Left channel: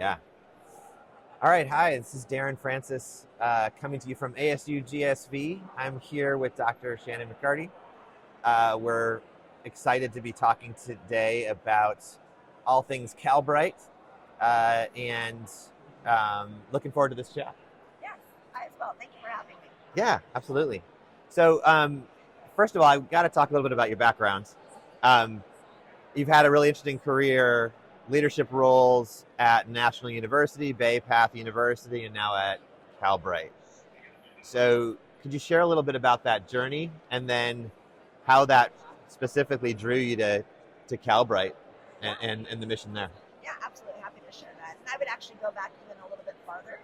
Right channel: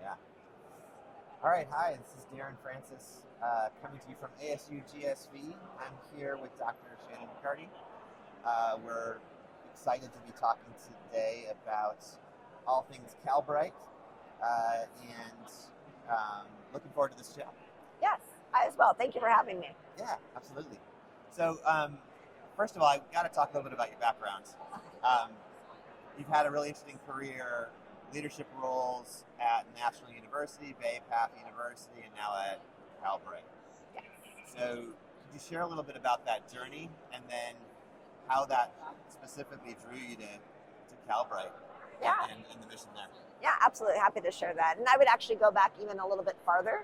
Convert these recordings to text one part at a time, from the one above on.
Yeah. All right. Hi, this is Darren Francis coming to you from ASU GSV. I'm here with Dr. Shannon McCarty. We're excited to be talking today about all things Calbright and looking forward to this chat. Yes, I as well. Thank you for having me. Yeah, absolutely. So, first of all, I've got to talk a little bit about your background. Um, you've had a really interesting career, leadership roles at National University, Bay Path University, and now at Calbright. So, could you share a little bit about that journey and then how that specifically drew you to Calbright Yeah, and the mission there? yeah, absolutely happy to share that. And I would actually go back even a little bit farther.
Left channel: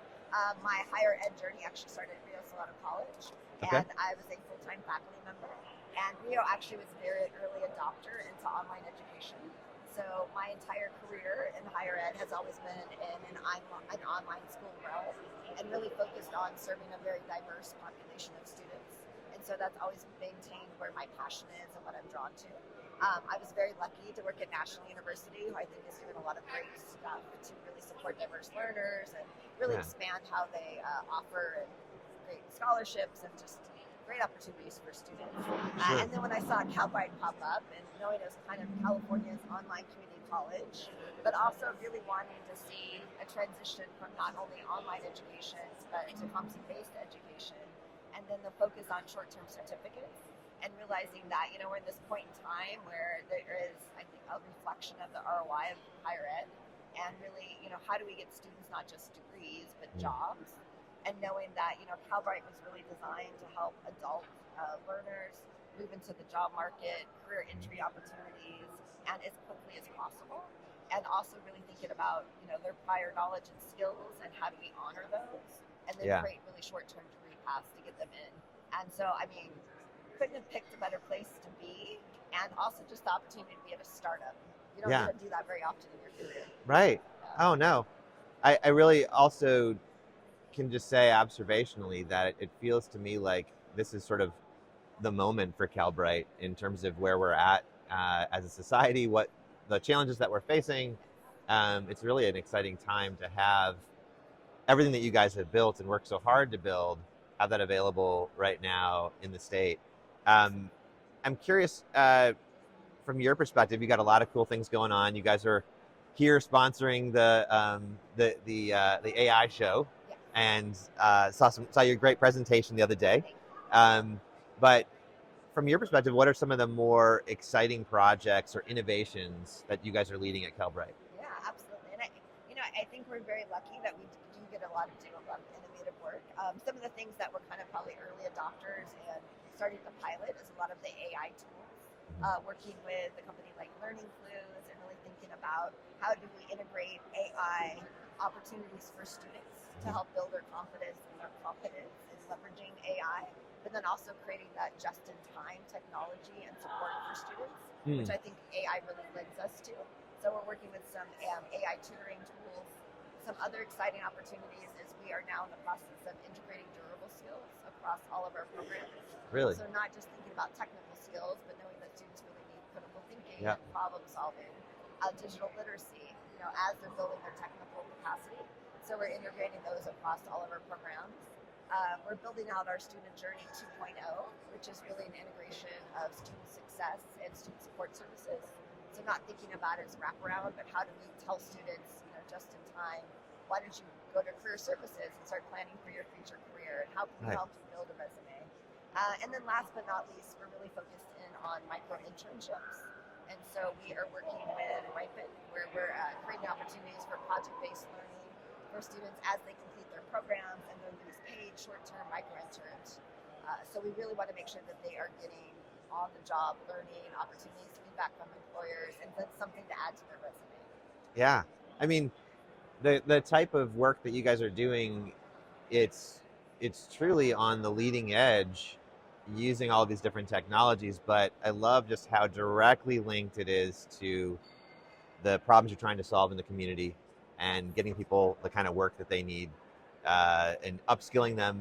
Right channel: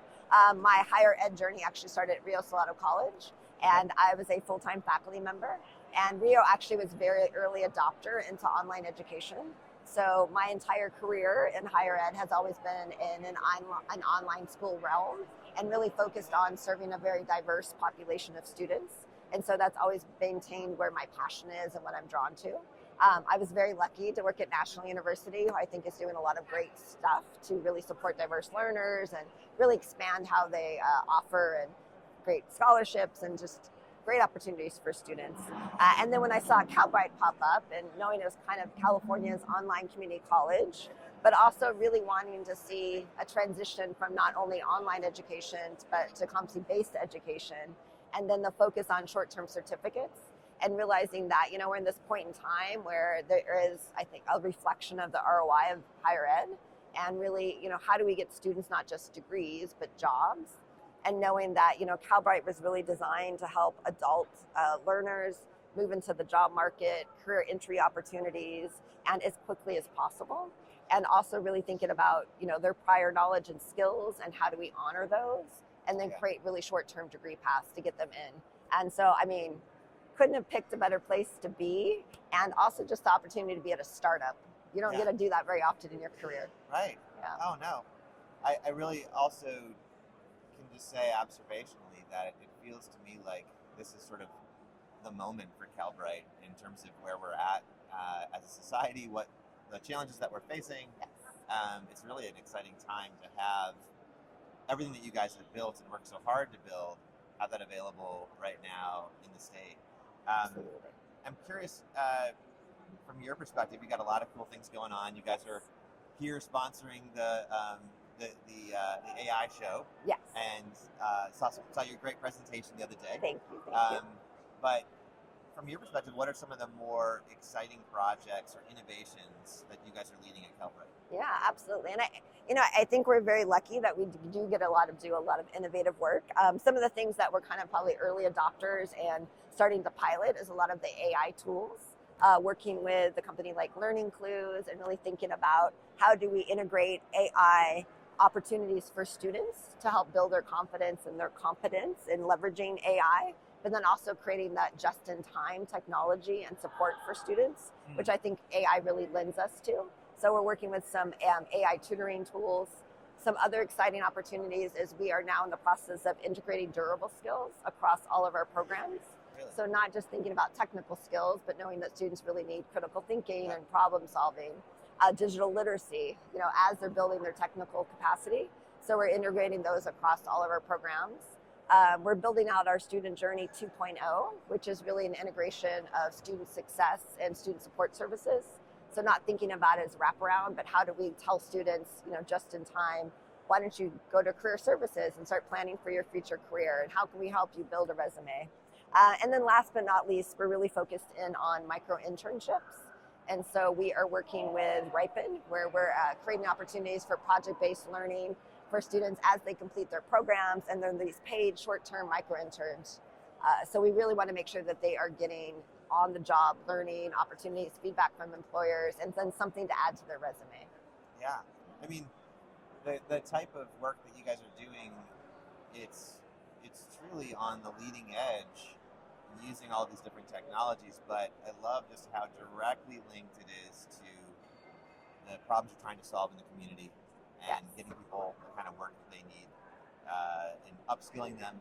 My higher ed journey actually started at Rio Salado College, Okay. and I was a full-time faculty member. And Rio actually was a very early adopter into online education. So my entire career in higher ed has always been in an online school realm and really focused on serving a very diverse population of students. And so that's always maintained where my passion is and what I'm drawn to. I was very lucky to work at National University, who I think is doing a lot of great stuff to really support diverse learners and really Yeah. expand how they offer and great scholarships and just great opportunities for students. And then when I saw Calbright pop up and knowing it was kind of California's online community college, but also really wanting to see a transition from not only online education, but to competency-based education, and then the focus on short-term certificates, and realizing that, we're in this point in time where there is, I think, a reflection of the ROI of higher ed, and really, how do we get students not just degrees, but jobs? And knowing that, Calbright was really designed to help adult learners move into the job market, career entry opportunities, and as quickly as possible. And also really thinking about, their prior knowledge and skills and how do we honor those, and then Yeah. create really short-term degree paths to get them in. And so, couldn't have picked a better place to be, and also just the opportunity to be at a startup. You don't Yeah. get to do that very often in your career. Right. Yeah. Oh, no. I really also can just say observationally that it feels to me like this is sort of the moment for Calbright in terms of where we're at as a society, what the challenges that we're facing. It's really an exciting time to have everything that you guys have built and worked so hard to build, have that available right now in the state. I'm curious, from your perspective, you got a lot of cool things going on. You guys are here sponsoring the AI show, Yes. and saw your great presentation the other day. Thank you. But from your perspective, what are some of the more exciting projects or innovations that you guys are leading at Calbright? Yeah, absolutely. And I think we're very lucky that we do get do a lot of innovative work. Some of the things that we're kind of probably early adopters and starting to pilot is a lot of the AI tools. Working with a company like Learning Clues and really thinking about how do we integrate AI opportunities for students to help build their confidence and their competence in leveraging AI, but then also creating that just-in-time technology and support for students, which I think AI really lends us to. So we're working with some AI tutoring tools. Some other exciting opportunities is we are now in the process of integrating durable skills across all of our programs. Really? So not just thinking about technical skills, but knowing that students really need critical thinking Yeah. and problem solving, digital literacy, as they're building their technical capacity. So we're integrating those across all of our programs. We're building out our Student Journey 2.0, which is really an integration of student success and student support services. So not thinking about it as wraparound, but how do we tell students, just in time, why don't you go to career services and start planning for your future career, and how can we Right. help you build a resume? And then last but not least, we're really focused in on micro internships. And so we are working with Ripen, where we're creating opportunities for project-based learning for students as they complete their programs, and then these paid short-term micro interns. So we really want to make sure that they are getting on-the-job learning opportunities, feedback from employers, and then something to add to their resume. Yeah. I mean, the type of work that you guys are doing, it's truly on the leading edge using all these different technologies, but I love just how directly linked it is to the problems you're trying to solve in the community and getting people the kind of work that they need and upskilling them.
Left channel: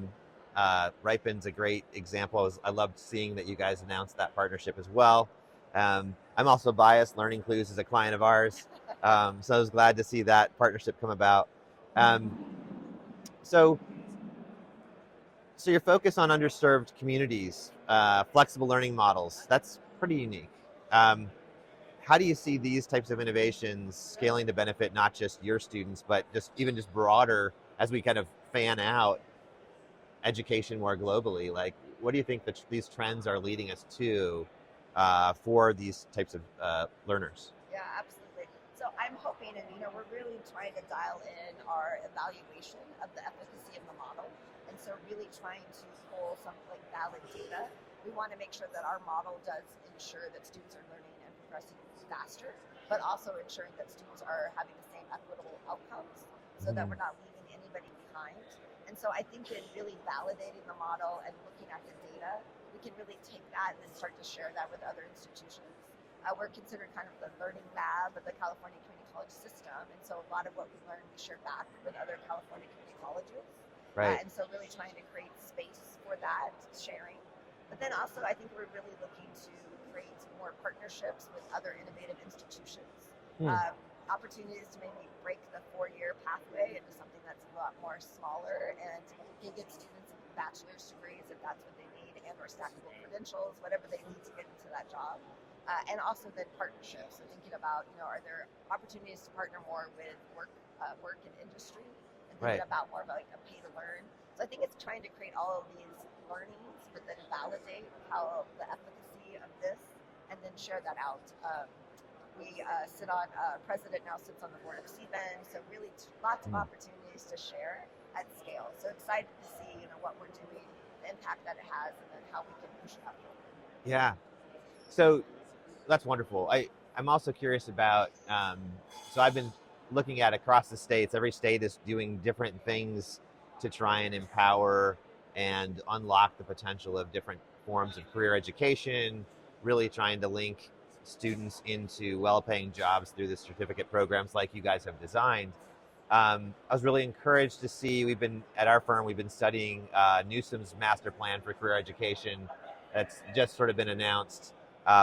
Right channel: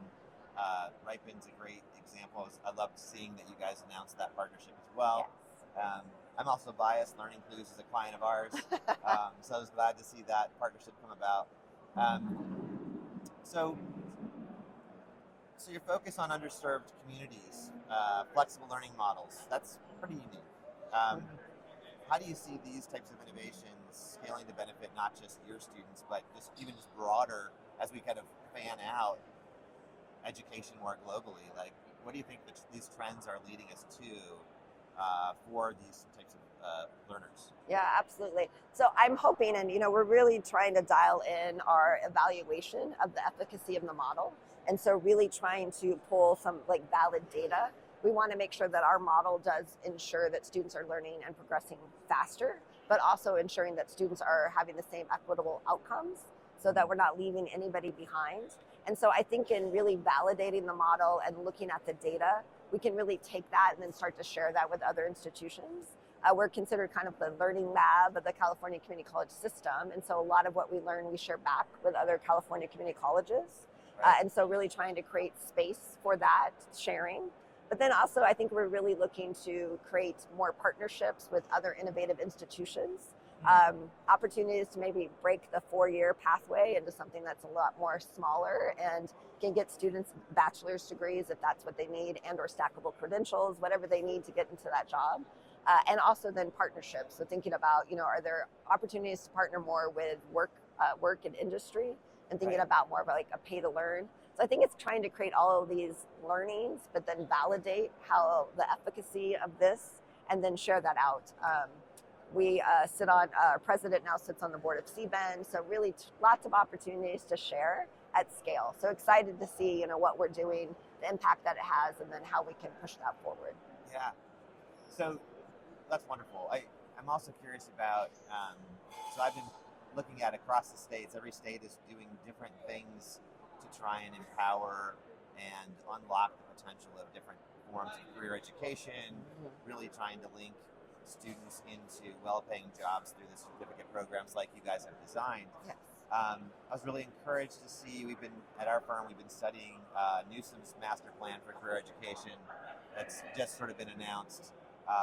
Ripen's a great example. I loved seeing that you guys announced that partnership as well. I'm also biased. Learning Clues is a client of ours, so I was glad to see that partnership come about. Um, so, so your focus on underserved communities, flexible learning models—that's pretty unique. Um, how do you see these types of innovations scaling to benefit not just your students, but just broader as we kind of fan out education more globally? Like, what do you think that these trends are leading us to for these types of learners? Yeah, absolutely. So I'm hoping, and we're really trying to dial in our evaluation of the efficacy of the model. And so really trying to pull some like valid data. We want to make sure that our model does ensure that students are learning and progressing faster, but also ensuring that students are having the same equitable outcomes so that we're not leaving anybody behind. And so I think in really validating the model and looking at the data, we can really take that and then start to share that with other institutions. We're considered kind of the learning lab of the California Community College system. And so a lot of what we learn, we share back with other California community colleges. Right. And so really trying to create space for that sharing. But then also I think we're really looking to create more partnerships with other innovative institutions. Opportunities to maybe break the 4-year pathway into something that's a lot more smaller and can get students bachelor's degrees if that's what they need, and or stackable credentials, whatever they need to get into that job. And also then partnerships. So thinking about, are there opportunities to partner more with work and industry, and thinking about more of like a pay to learn. So I think it's trying to create all of these learnings, but then validate how the efficacy of this, and then share that out. We sit on, our president now sits on the board of CBEN, so really lots of opportunities to share at scale. So excited to see, what we're doing, the impact that it has, and then how we can push that forward. Yeah. So that's wonderful. I'm also curious about, so I've been looking at across the states, every state is doing different things to try and empower and unlock the potential of different forms of career education, really trying to link students into well-paying jobs through the certificate programs like you guys have designed. I was really encouraged to see, at our firm, we've been studying Newsom's master plan for career education that's just sort of been announced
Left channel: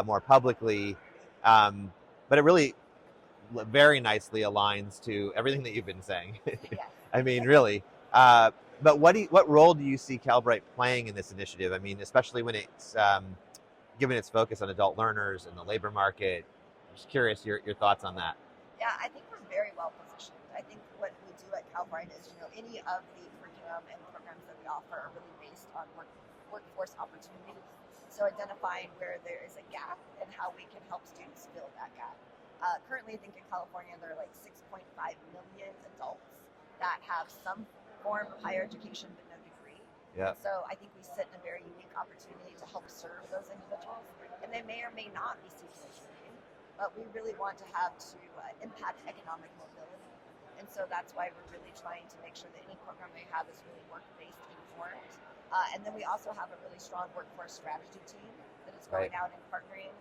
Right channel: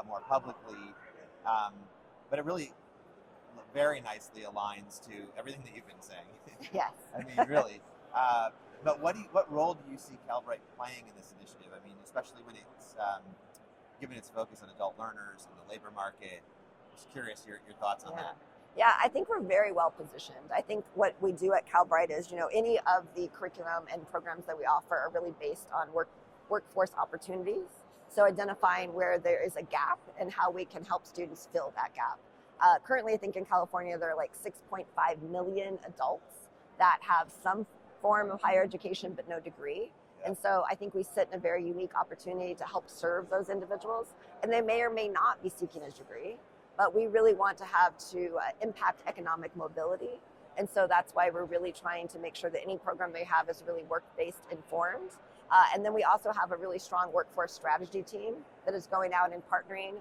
more publicly, but it really very nicely aligns to everything that you've been saying. Yes. I mean, really. But what role do you see Calbright playing in this initiative? I mean, especially when it's given its focus on adult learners and the labor market. Just curious your thoughts on that. Yeah, I think we're very well positioned. I think what we do at Calbright is, any of the curriculum and programs that we offer are really based on workforce opportunities. So identifying where there is a gap and how we can help students fill that gap. Currently, I think in California, there are like 6.5 million adults that have some form of higher education but no degree. Yeah. And so I think we sit in a very unique opportunity to help serve those individuals. And they may or may not be seeking a degree, but we really want to impact economic mobility. And so that's why we're really trying to make sure that any program they have is really work-based informed. And then we also have a really strong workforce strategy team that is going out and partnering.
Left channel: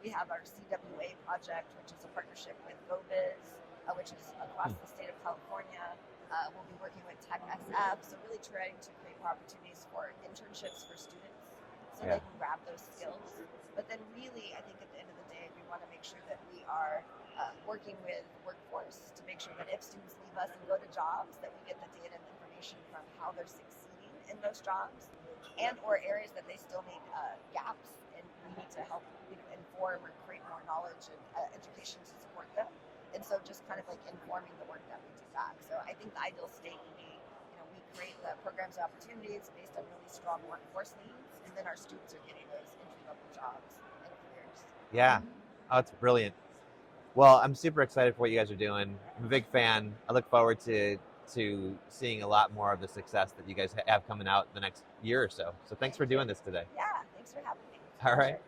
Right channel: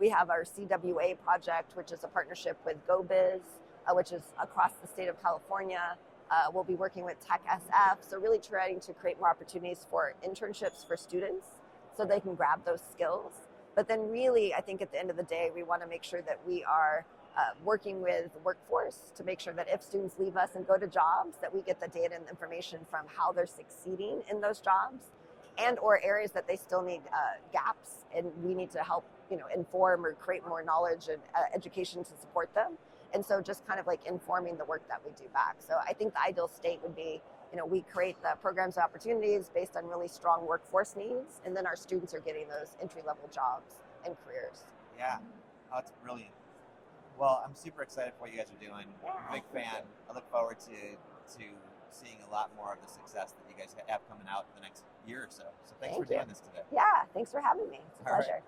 We have our CWA project, which is a partnership with GoBiz, which is across the state of California. We'll be working with Tech SF, so really trying to create more opportunities for internships for students so they can grab those skills. But then really, I think at the end of the day, we want to make sure that we are working with the workforce to make sure that if students leave us and go to jobs, that we get the data and information from how they're succeeding in those jobs, and or areas that they still need gaps, and we need to help inform or create more knowledge and education to support them. And so just kind of like informing the work that we do back. So I think the ideal state would be, we create the programs and opportunities based on really strong workforce needs, and then our students are getting those entry-level jobs and careers. Yeah, oh, it's brilliant. Well, I'm super excited for what you guys are doing. I'm a big fan. I look forward to seeing a lot more of the success that you guys have coming out in the next year or so. So thanks for doing this today. Yeah, thanks for having me. All right.